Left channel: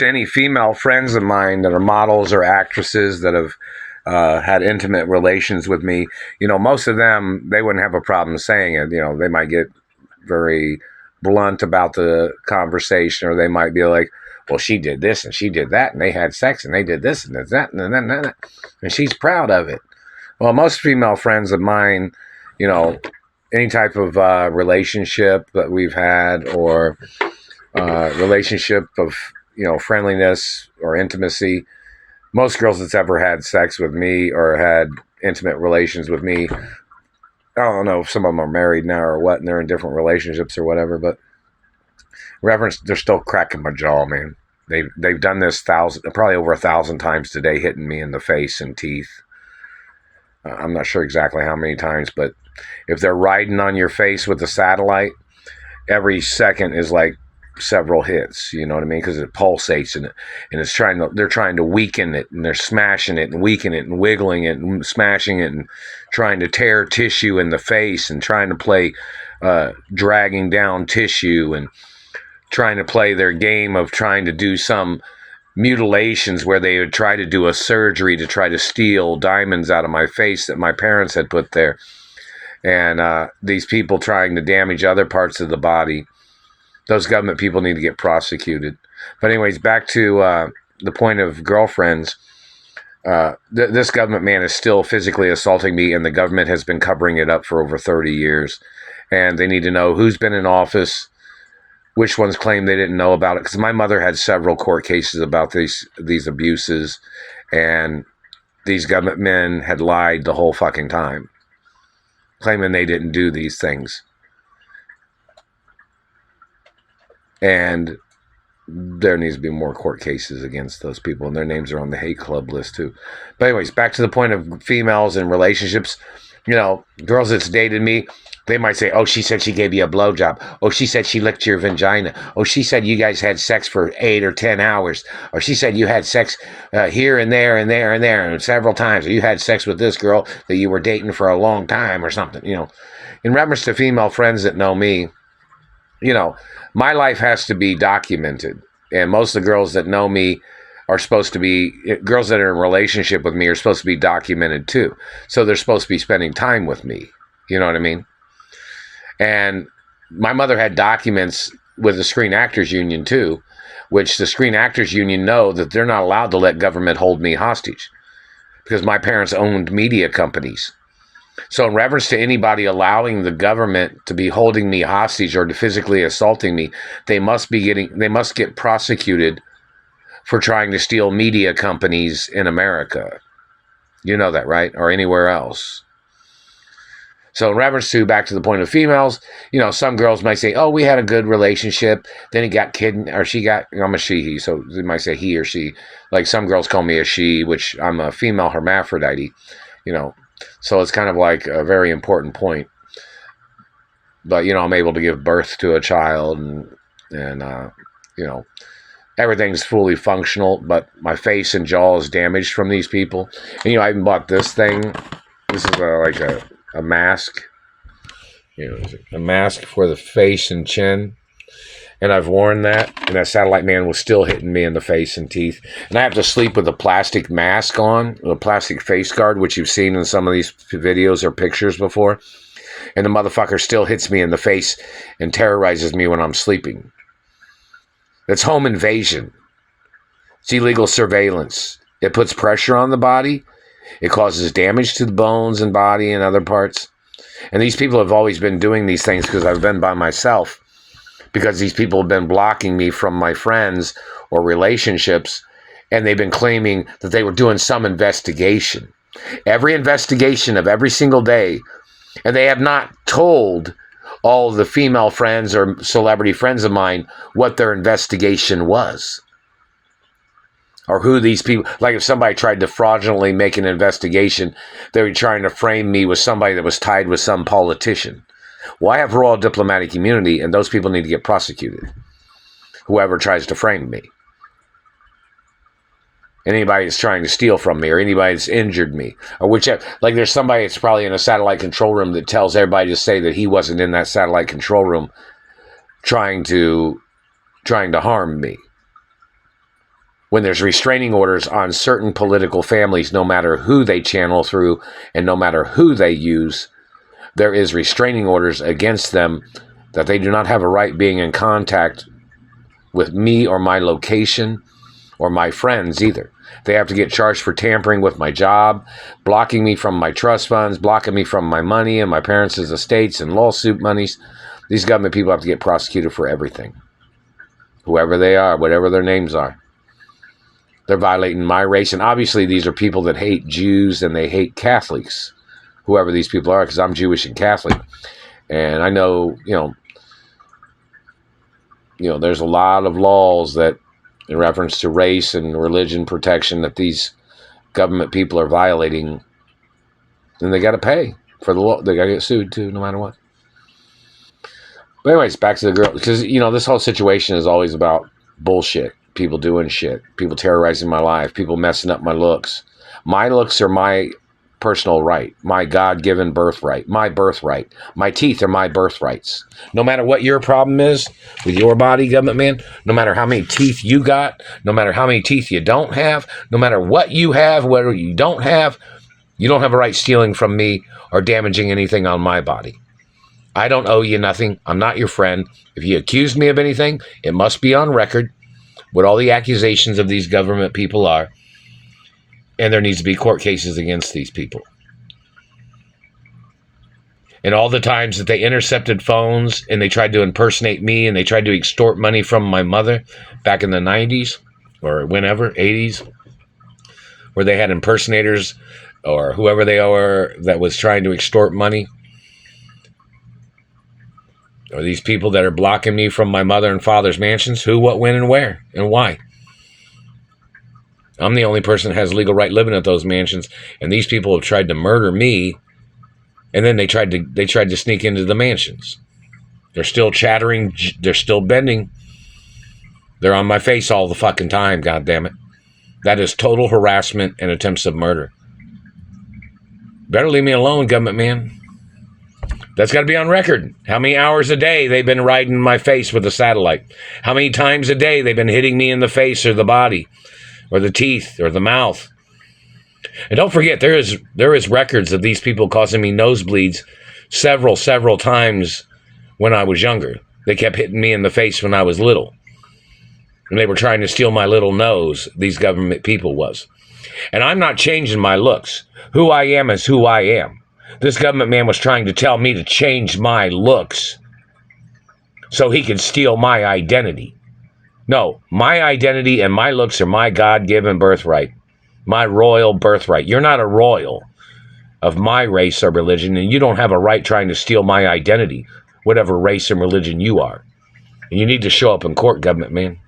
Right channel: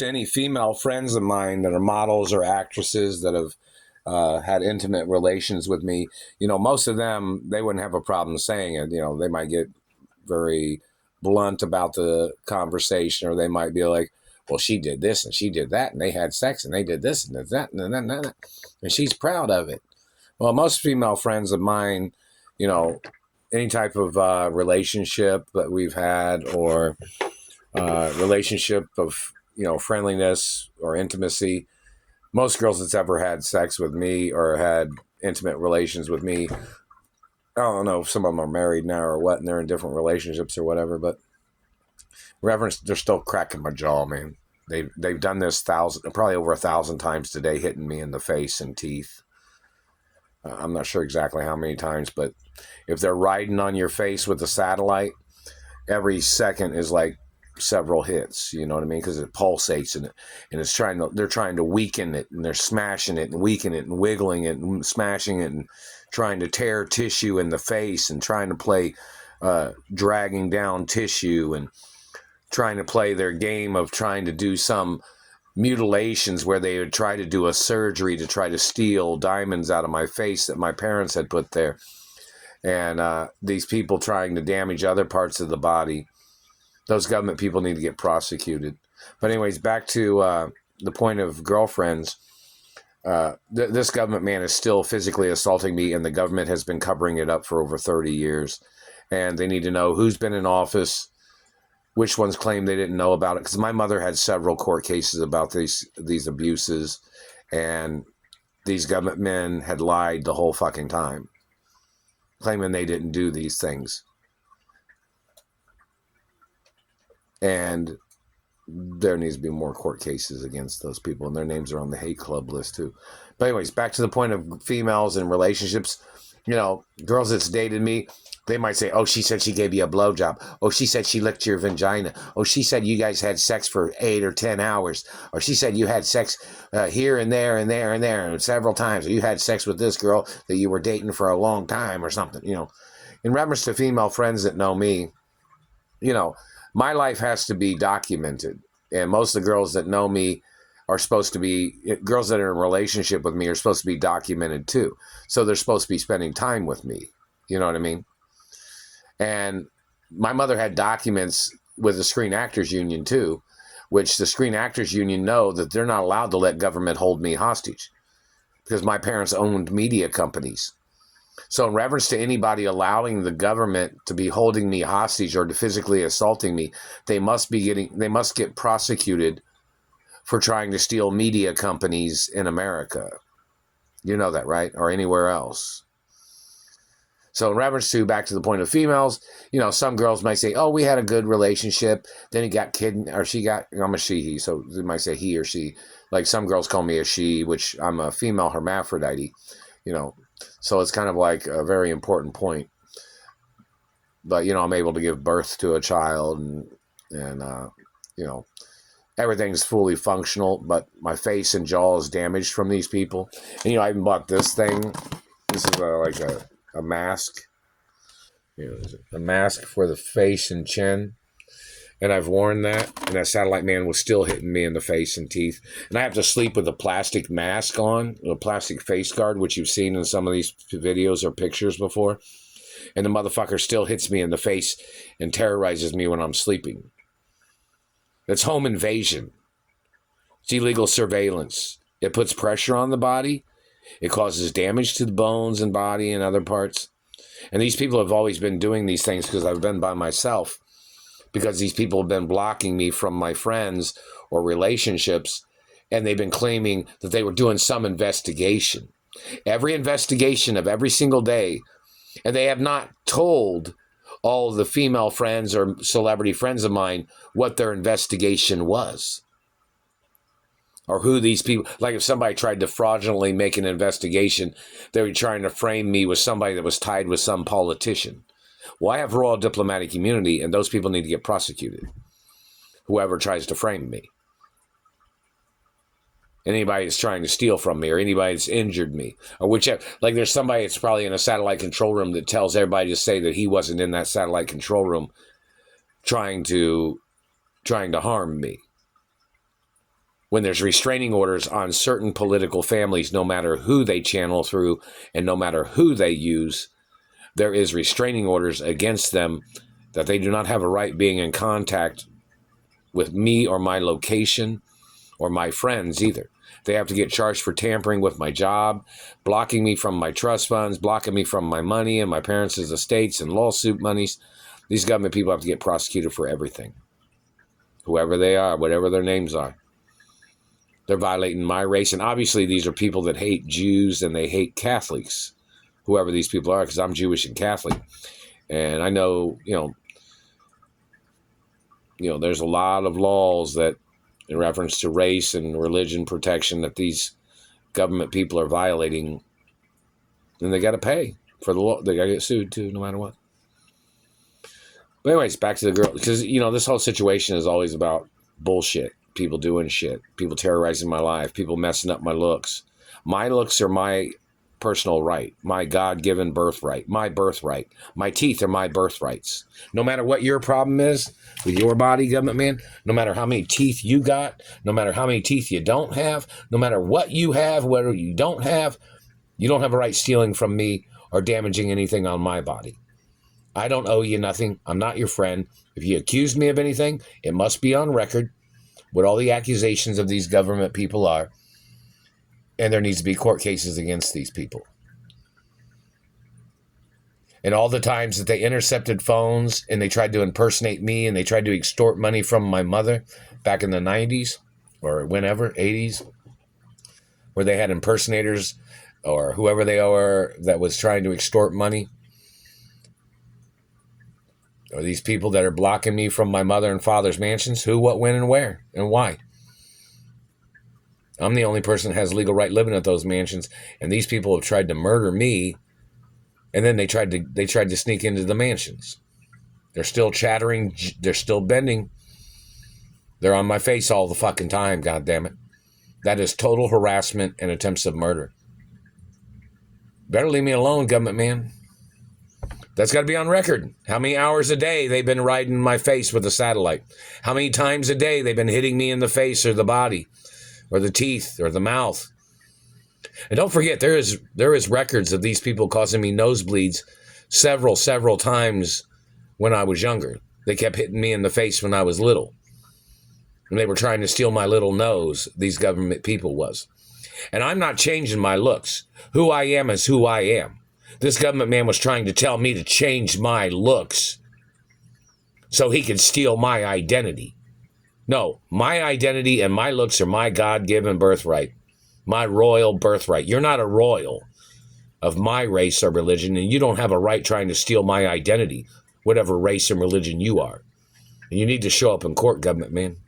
to any female friends of mine that are models or actresses that have had intimate relations with me, most of them, they wouldn't have a problem saying it. They might get very blunt about the conversation, or they might be like, well, she did this and she did that, and they had sex and they did this and that and she's proud of it. Well, most female friends of mine, any type of relationship that we've had, or relationship of friendliness or intimacy, most girls that's ever had sex with me or had intimate relations with me, I don't know if some of them are married now or what, and they're in different relationships or whatever, but reverence, they're still cracking my jaw, man. They've done this probably over 1,000 times today, hitting me in the face and teeth. I'm not sure exactly how many times, but if they're riding on your face with a satellite, every second is like several hits, you know what I mean? Because it pulsates and they're trying to weaken it, and they're smashing it and weakening it and wiggling it and smashing it and trying to tear tissue in the face and trying to play dragging down tissue and trying to play their game of trying to do some mutilations where they would try to do a surgery to try to steal diamonds out of my face that my parents had put there. And these people trying to damage other parts of the body, those government people need to get prosecuted. But anyways, back to the point of girlfriends. This government man is still physically assaulting me, and the government has been covering it up for over 30 years. And they need to know who's been in office, which ones claim they didn't know about it. Because my mother had several court cases about these abuses, and these government men had lied the whole fucking time, claiming they didn't do these things. And there needs to be more court cases against those people, and their names are on the hate club list too. But anyways, back to the point of females and relationships. Girls that's dated me, they might say, oh, she said she gave you a blowjob. Oh, she said she licked your vagina. Oh, she said you guys had sex for 8 or 10 hours. Or she said you had sex here and there and there and there and several times. Or you had sex with this girl that you were dating for a long time or something. In reference to female friends that know me, my life has to be documented. And most of the girls that know me are supposed to be, girls that are in a relationship with me are supposed to be documented too. So they're supposed to be spending time with me. You know what I mean? And my mother had documents with the Screen Actors Union too, which the Screen Actors Union know that they're not allowed to let government hold me hostage because my parents owned media companies. So in reference to anybody allowing the government to be holding me hostage or to physically assaulting me, they must get prosecuted for trying to steal media companies in America. You know that, right? Or anywhere else. So in reference to, back to the point of females, some girls might say, oh, we had a good relationship. Then he got kidnapped, or she got, I'm a she, he, so they might say he or she. Like some girls call me a she, which I'm a female hermaphrodite, So it's kind of like a very important point. But, I'm able to give birth to a child and everything's fully functional, but my face and jaw is damaged from these people. And, I even bought this thing. This is like a mask, a mask for the face and chin. And I've worn that, and that satellite man was still hitting me in the face and teeth. And I have to sleep with a plastic mask on, a plastic face guard, which you've seen in some of these videos or pictures before. And the motherfucker still hits me in the face and terrorizes me when I'm sleeping. It's home invasion. It's illegal surveillance. It puts pressure on the body. It causes damage to the bones and body and other parts. And these people have always been doing these things because I've been by myself. Because these people have been blocking me from my friends or relationships, and they've been claiming that they were doing some investigation. Every investigation of every single day, and they have not told all the female friends or celebrity friends of mine what their investigation was. Or who these people, like if somebody tried to fraudulently make an investigation, they were trying to frame me with somebody that was tied with some politician. Well, I have royal diplomatic immunity, and those people need to get prosecuted. Whoever tries to frame me. Anybody that's trying to steal from me, or anybody that's injured me, or whichever. Like there's somebody that's probably in a satellite control room that tells everybody to say that he wasn't in that satellite control room trying to harm me. when there's restraining orders on certain political families, no matter who they channel through and no matter who they use, there is restraining orders against them that they do not have a right being in contact with me or my location or my friends either. They have to get charged for tampering with my job, blocking me from my trust funds, blocking me from my money and my parents' estates and lawsuit monies. These government people have to get prosecuted for everything. Whoever they are, whatever their names are. They're violating my race. And obviously these are people that hate Jews and they hate Catholics, whoever these people are, because I'm Jewish and Catholic. And I know, there's a lot of laws that in reference to race and religion protection that these government people are violating, and they got to pay for the law. They got to get sued too, no matter what. But anyways, back to the girl, because, this whole situation is always about bullshit. People doing shit, people terrorizing my life, people messing up my looks. My looks are my personal right, my God-given birthright, my birthright. My teeth are my birthrights. No matter what your problem is with your body, government man, no matter how many teeth you got, no matter how many teeth you don't have, no matter what you have, whether you don't have a right stealing from me or damaging anything on my body. I don't owe you nothing. I'm not your friend. If you accuse me of anything, it must be on record what all the accusations of these government people are. And there needs to be court cases against these people. And all the times that they intercepted phones and they tried to impersonate me and they tried to extort money from my mother back in the 90s or whenever, 80s, where they had impersonators or whoever they are that was trying to extort money. Or these people that are blocking me from my mother and father's mansions, who, what, when, and where, and why. I'm the only person that has legal right living at those mansions, and these people have tried to murder me, and then they tried to sneak into the mansions. They're still chattering, they're still bending. They're on my face all the fucking time, goddammit. That is total harassment and attempts of murder. Better leave me alone, government man. That's got to be on record. How many hours a day they've been riding my face with a satellite. How many times a day they've been hitting me in the face or the body or the teeth or the mouth. And don't forget, there is records of these people causing me nosebleeds several times when I was younger. They kept hitting me in the face when I was little. And they were trying to steal my little nose, these government people was. And I'm not changing my looks. Who I am is who I am. This government man was trying to tell me to change my looks so he could steal my identity. No, my identity and my looks are my God-given birthright, my royal birthright. You're not a royal of my race or religion, and you don't have a right trying to steal my identity, whatever race and religion you are. And you need to show up in court, government man.